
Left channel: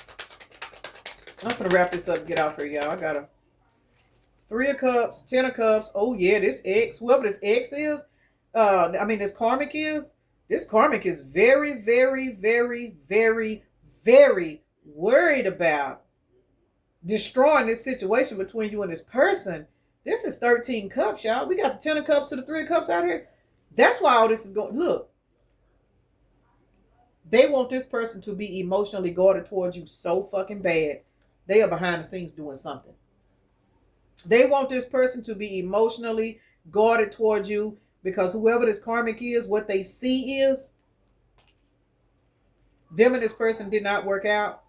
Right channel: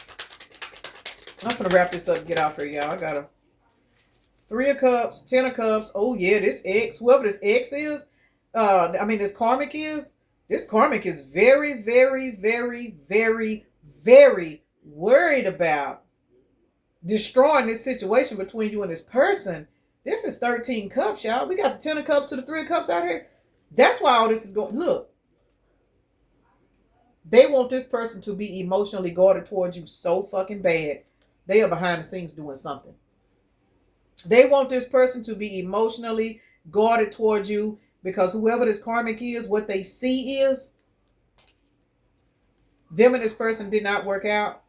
I'm going to wrap this up and get out for y'all. I got a 3 of Cups, 10 of Cups. Oh, yeah, this ex, whoever this ex is, this karmic is, very, very, very, very, very worried about destroying this situation between you and this person. This is 13 cups, y'all. We got the 10 of cups to the 3 of cups out here. That's why all this is going. Look, they want this person to be emotionally guarded towards you so fucking bad. They are behind the scenes doing something. They want this person to be emotionally guarded towards you because whoever this karmic is, what they see is them and this person did not work out.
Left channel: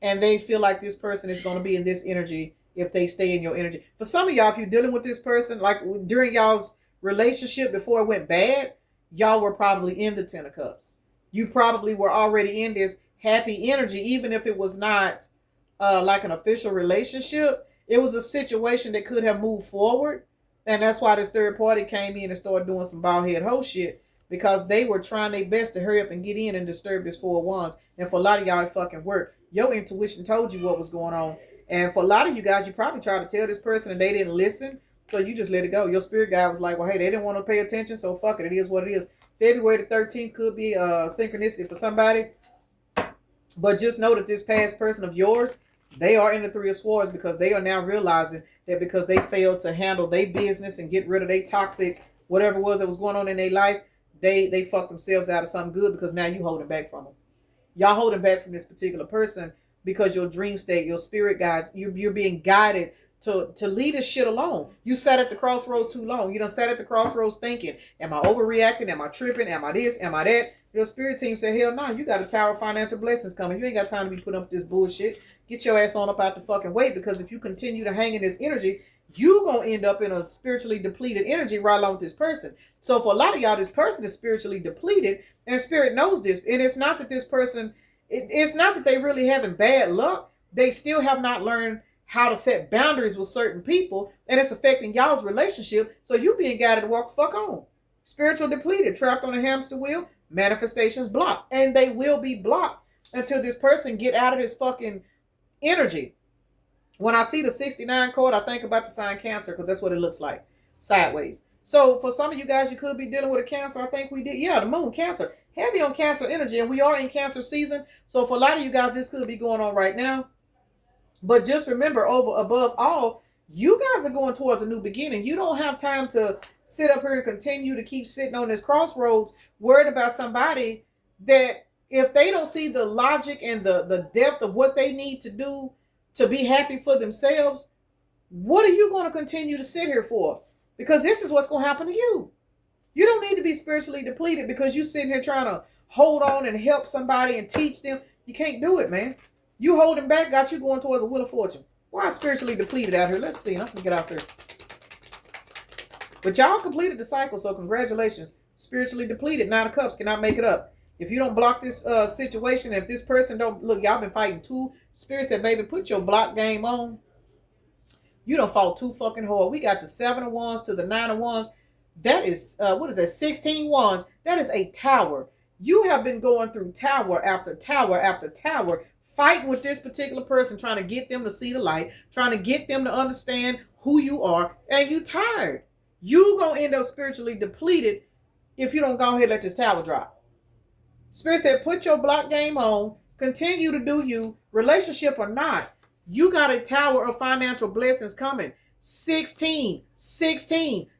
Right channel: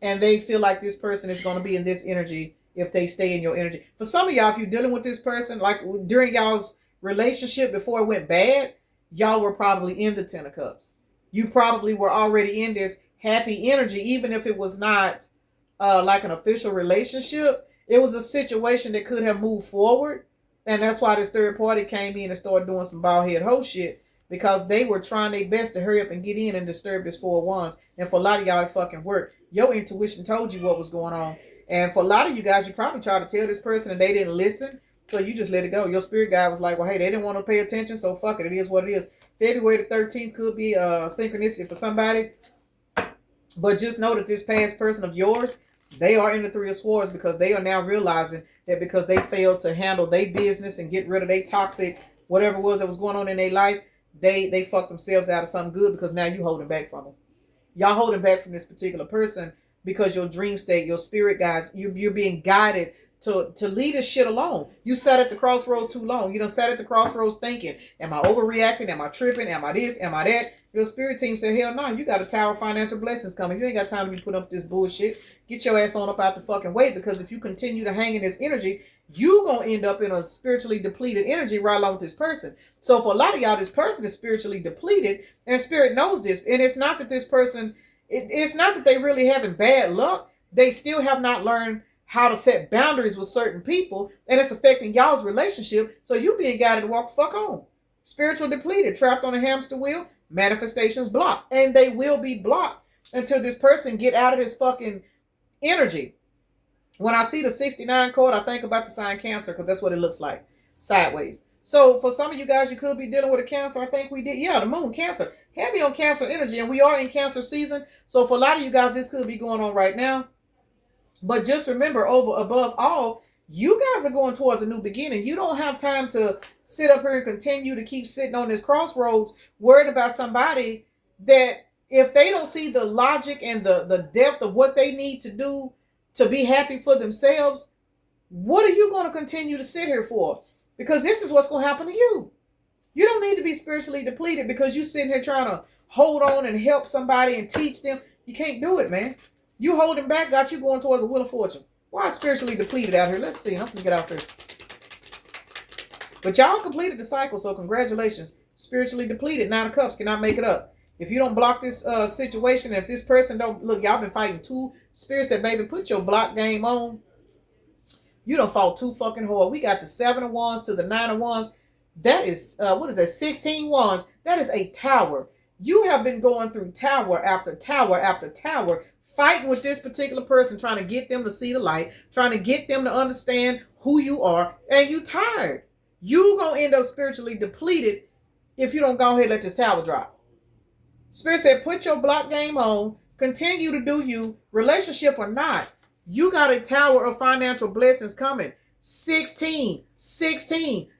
And they feel like this person is going to be in this energy if they stay in your energy. For some of y'all, if you're dealing with this person, like during y'all's relationship before it went bad, y'all were probably in the 10 of cups. You probably were already in this happy energy, even if it was not like an official relationship. It was a situation that could have moved forward. And that's why this third party came in and started doing some bald head hoe shit, because they were trying their best to hurry up and get in and disturb this 4 of Wands. And for a lot of y'all, it fucking worked. Your intuition told you what was going on. And for a lot of you guys, you probably tried to tell this person and they didn't listen. So you just let it go. Your spirit guide was like, well, hey, they didn't want to pay attention. So fuck it. It is what it is. February the 13th could be synchronicity for somebody. But just know that this past person of yours, they are in the 3 of Swords because they are now realizing that because they failed to handle their business and get rid of their toxic, whatever it was that was going on in their life, they fucked themselves out of something good because now you holding back from them. Y'all holding back from this particular person because your dream state, your spirit guides, you're being guided to leave this shit alone. You sat at the crossroads too long. You done sat at the crossroads thinking, am I overreacting? Am I tripping? Am I this? Am I that? Your spirit team said, hell no, you got a tower of financial blessings coming. You ain't got time to be putting up this bullshit. Get your ass on up out the fucking way, because if you continue to hang in this energy, you gonna end up in a spiritually depleted energy right along with this person. So for a lot of y'all, this person is spiritually depleted, and spirit knows this. And it's not that this person, it's not that they really having bad luck. They still have not learned how to set boundaries with certain people, and it's affecting y'all's relationship. So you being guided to walk the fuck on. Spiritual depleted, trapped on a hamster wheel, manifestations blocked. And they will be blocked until this person get out of this fucking energy. When I see the 69 card, I think about the sign Cancer, because that's what it looks like, sideways. So for some of you guys, you could be dealing with a Cancer. I think we did. Yeah, the moon, Cancer. Heavy on Cancer energy, and we are in Cancer season. So for a lot of you guys, this could be going on right now. But just remember, above all, you guys are going towards a new beginning. You don't have time to sit up here and continue to keep sitting on this crossroads worried about somebody that, if they don't see the logic and the depth of what they need to do to be happy for themselves, what are you going to continue to sit here for? Because this is what's going to happen to you. You don't need to be spiritually depleted because you're sitting here trying to hold on and help somebody and teach them. You can't do it, man. You holding back got you going towards a wheel of fortune. Why spiritually depleted out here? Let's see. I'm going to get out there. But y'all completed the cycle, so congratulations. Spiritually depleted, 9 of Cups, cannot make it up. If you don't block this situation, if this person don't, look, y'all been fighting too. Spirit said, baby, put your block game on. You done fought too fucking hard. We got the 7 of Wands to the 9 of Wands. That is, what is that, 16 Wands. That is a tower. You have been going through tower after tower after tower, fighting with this particular person, trying to get them to see the light, trying to get them to understand who you are, and you tired. You gonna end up spiritually depleted if you don't go ahead and let this tower drop. Spirit said, put your block game on, continue to do you, relationship or not. You got a tower of financial blessings coming. 16.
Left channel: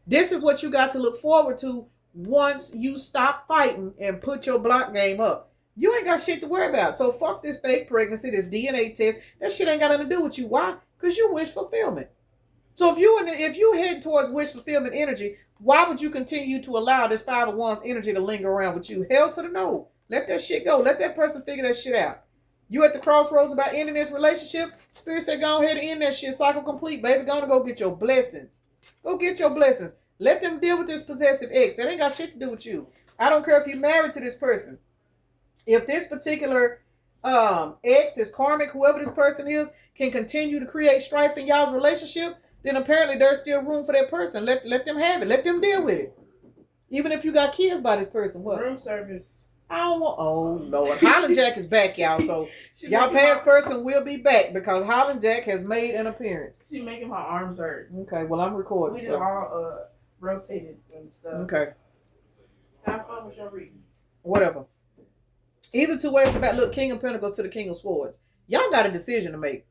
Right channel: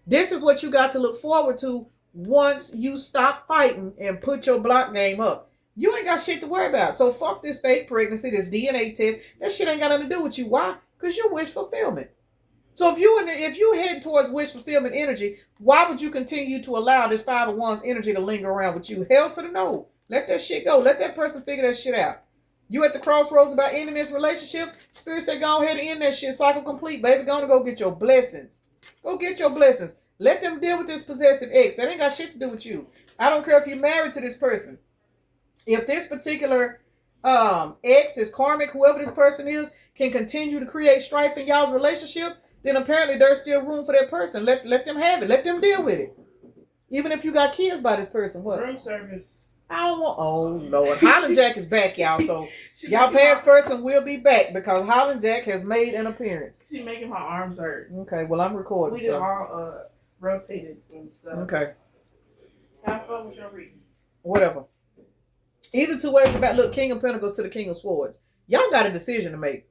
This is what you got to look forward to once you stop fighting and put your block game up. You ain't got shit to worry about. So fuck this fake pregnancy, this DNA test. That shit ain't got nothing to do with you. Why? Because you wish fulfillment. So if you head towards wish fulfillment energy, why would you continue to allow this 5 of Wands energy to linger around with you? Hell to the no. Let that shit go. Let that person figure that shit out. You at the crossroads about ending this relationship? Spirit say, go ahead and end that shit. Cycle complete, baby. Go get your blessings. Go get your blessings. Let them deal with this possessive ex. That ain't got shit to do with you. I don't care if you're married to this person. If this particular ex, this karmic, whoever this person is, can continue to create strife in y'all's relationship, then apparently there's still room for that person. Let them have it. Let them deal with it. Even if you got kids by this person. What? Room service. I don't want. Oh Lord, Holland Jack is back, y'all. So y'all past person will be back because Holland Jack has made an appearance. She making my arms hurt. Okay, well I'm recording. We did all rotated and stuff. Okay. How far was your reading? Whatever. Either two ways about, look, King of Pentacles to the King of Swords. Y'all got a decision to make.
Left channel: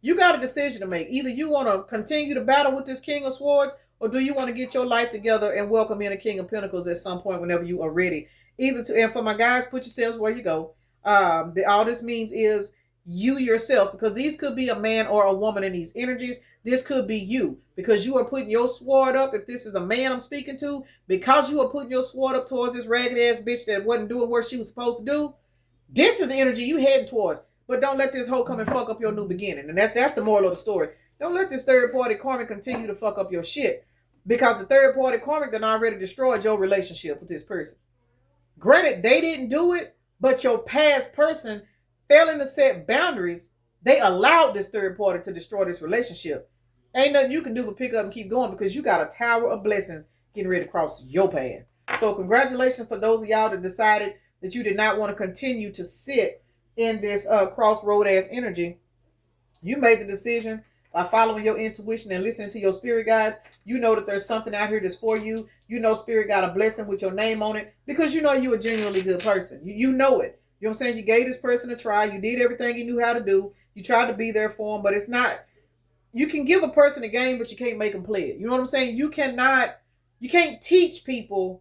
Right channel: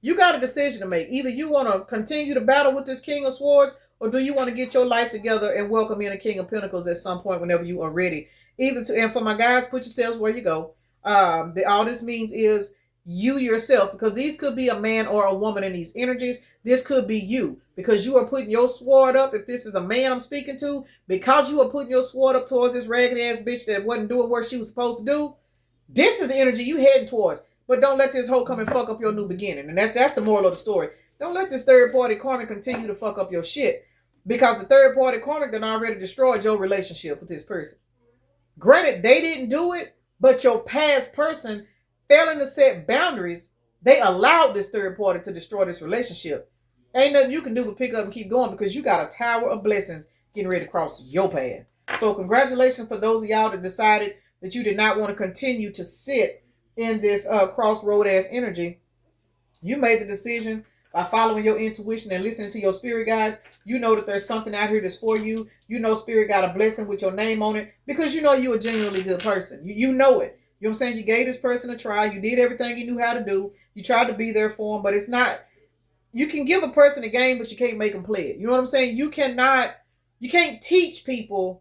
You got a decision to make. Either you want to continue to battle with this King of Swords, or do you want to get your life together and welcome in a King of Pentacles at some point whenever you are ready. Either to, and for my guys, put yourselves where you go. All this means is you yourself, because these could be a man or a woman in these energies. This could be you, because you are putting your sword up. If this is a man I'm speaking to, because you are putting your sword up towards this ragged ass bitch that wasn't doing what she was supposed to do, this is the energy you heading towards. But don't let this hoe come and fuck up your new beginning. And that's the moral of the story. Don't let this third party karmic continue to fuck up your shit. Because the third party karmic done already destroyed your relationship with this person. Granted, they didn't do it, but your past person failing to set boundaries, they allowed this third party to destroy this relationship. Ain't nothing you can do but pick up and keep going, because you got a tower of blessings getting ready to cross your path. So congratulations for those of y'all that decided that you did not want to continue to sit in this crossroad ass energy. You made the decision by following your intuition and listening to your spirit guides. You know that there's something out here that's for you. You know spirit got a blessing with your name on it, because you know you're a genuinely good person. You know it. You know what I'm saying? You gave this person a try. You did everything you knew how to do. You tried to be there for them, but it's not. You can give a person a game, but you can't make them play it. You know what I'm saying? You can't teach people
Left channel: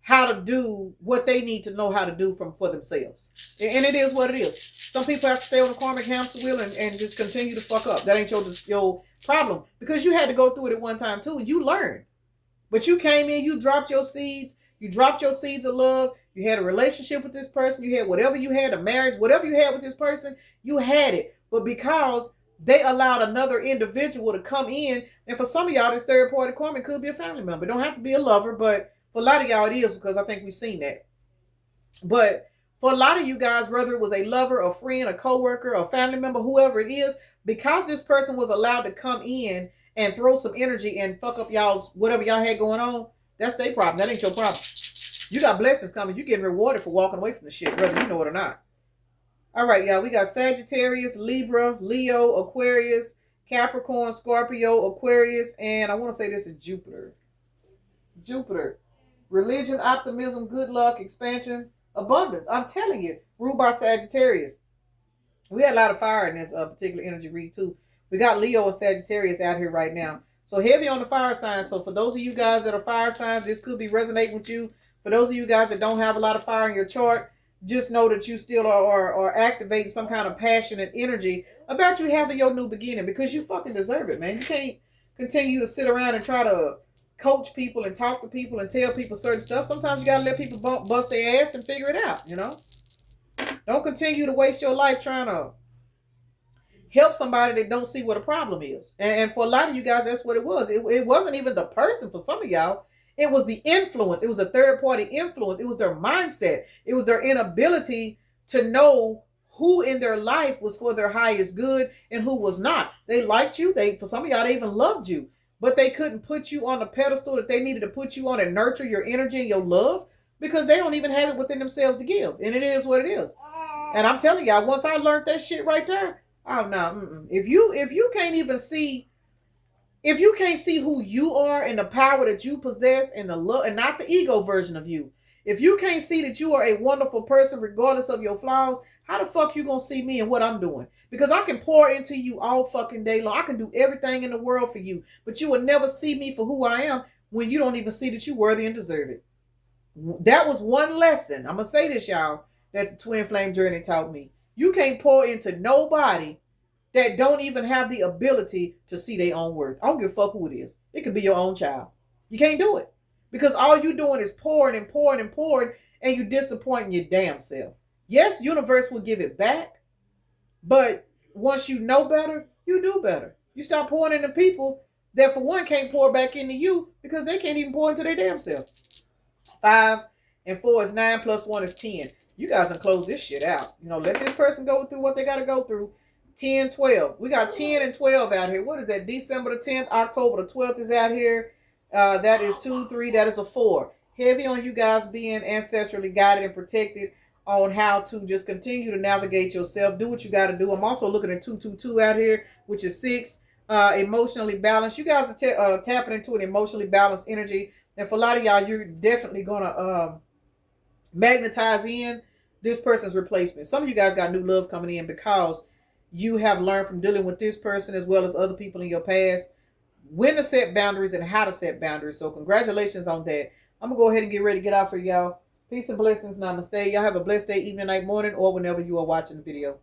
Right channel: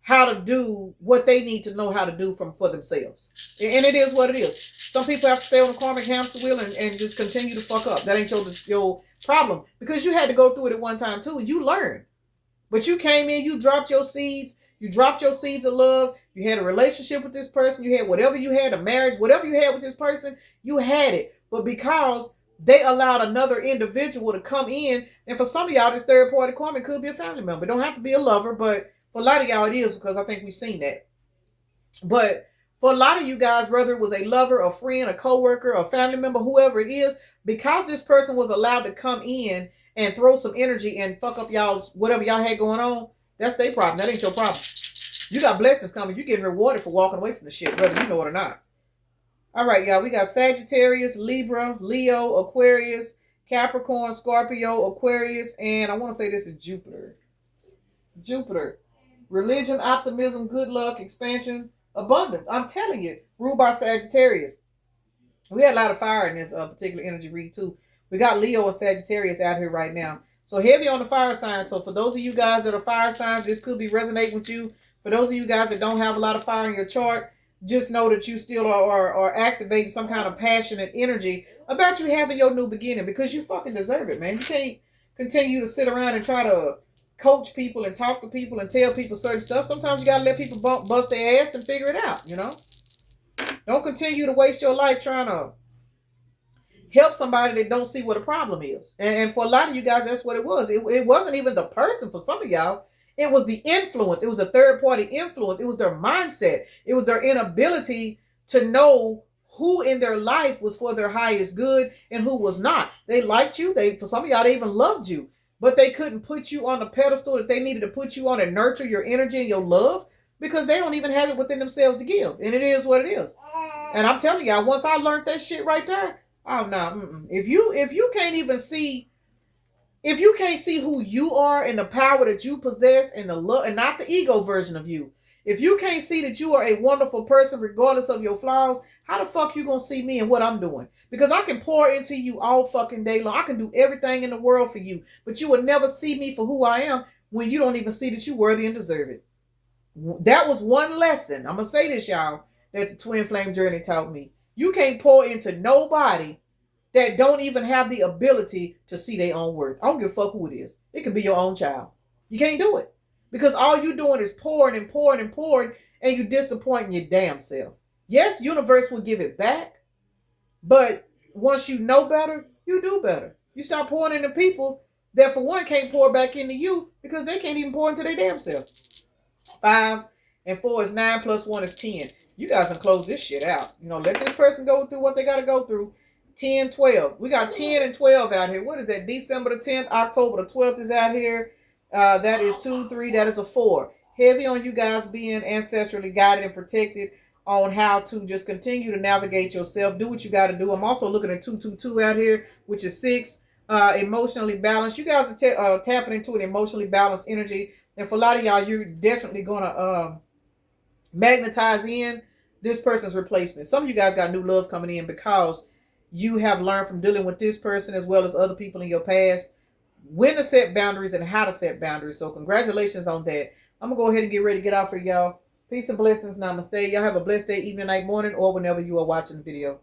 how to do what they need to know how to do for themselves. And it is what it is. Some people have to stay on the karmic hamster wheel and just continue to fuck up. That ain't your problem. Because you had to go through it at one time too. You learned. But you came in, you dropped your seeds. You dropped your seeds of love. You had a relationship with this person. You had whatever you had, a marriage, whatever you had with this person, you had it. But because they allowed another individual to come in, and for some of y'all, this third party karmic could be a family member. It don't have to be a lover, but for a lot of y'all it is, because I think we've seen that. But for a lot of you guys, whether it was a lover, a friend, a coworker, a family member, whoever it is, because this person was allowed to come in and throw some energy and fuck up y'all's whatever y'all had going on, that's their problem. That ain't your problem. You got blessings coming. You getting rewarded for walking away from the shit, whether you know it or not. All right, y'all. We got Sagittarius, Libra, Leo, Aquarius, Capricorn, Scorpio, Aquarius, and I want to say this is Jupiter. Jupiter. Religion, optimism, good luck, expansion, abundance. I'm telling you, ruled by Sagittarius. We had a lot of fire in this particular energy read too. We got Leo and Sagittarius out here right now. So heavy on the fire signs. So for those of you guys that are fire signs, this could be resonating with you. For those of you guys that don't have a lot of fire in your chart, just know that you still are activating some kind of passionate energy about you having your new beginning, because you fucking deserve it, man. You can't continue to sit around and try to coach people and talk to people and tell people certain stuff. Sometimes you gotta let people bust their ass and figure it out, you know? Don't continue to waste your life trying to help somebody that don't see what a problem is. And for a lot of you guys, that's what it was. It wasn't even the person for some of y'all. It was the influence. It was a third party influence. It was their mindset. It was their inability to know who in their life was for their highest good and who was not. They liked you. For some of y'all, they even loved you, but they couldn't put you on the pedestal that they needed to put you on and nurture your energy and your love, because they don't even have it within themselves to give. And it is what it is. And I'm telling y'all, once I learned that shit right there, oh no, if you can't even see, if you can't see who you are and the power that you possess and the love, and not the ego version of you, if you can't see that you are a wonderful person regardless of your flaws, how the fuck you gonna see me and what I'm doing? Because I can pour into you all fucking day long. I can do everything in the world for you, but you will never see me for who I am when you don't even see that you're worthy and deserve it. That was one lesson. I'm gonna say this, y'all, that the twin flame journey taught me. You can't pour into nobody that don't even have the ability to see their own worth. I don't give a fuck who it is. It could be your own child. You can't do it. Because all you doing is pouring and pouring and pouring, and you disappointing your damn self. Yes, universe will give it back, but once you know better, you do better. You start pouring into people that, for one, can't pour back into you because they can't even pour into their damn self. 5 and 4 is 9 plus 1 is 10. You guys can close this shit out. You know, let this person go through what they got to go through. 10, 12. We got 10 and 12 out here. What is that? December the 10th, October the 12th is out here. That is 2, 3. That is a 4. Heavy on you guys being ancestrally guided and protected on how to just continue to navigate yourself. Do what you got to do. I'm also looking at 222 out here, which is 6. Emotionally balanced. You guys are tapping into an emotionally balanced energy. And for a lot of y'all, you're definitely going to magnetize in this person's replacement. Some of you guys got new love coming in because you have learned from dealing with this person as well as other people in your past when to set boundaries and how to set boundaries. So congratulations on that. I'm going to go ahead and get ready to get out for y'all. Peace and blessings. Namaste. Y'all have a blessed day, evening, night, morning, or whenever you are watching the video.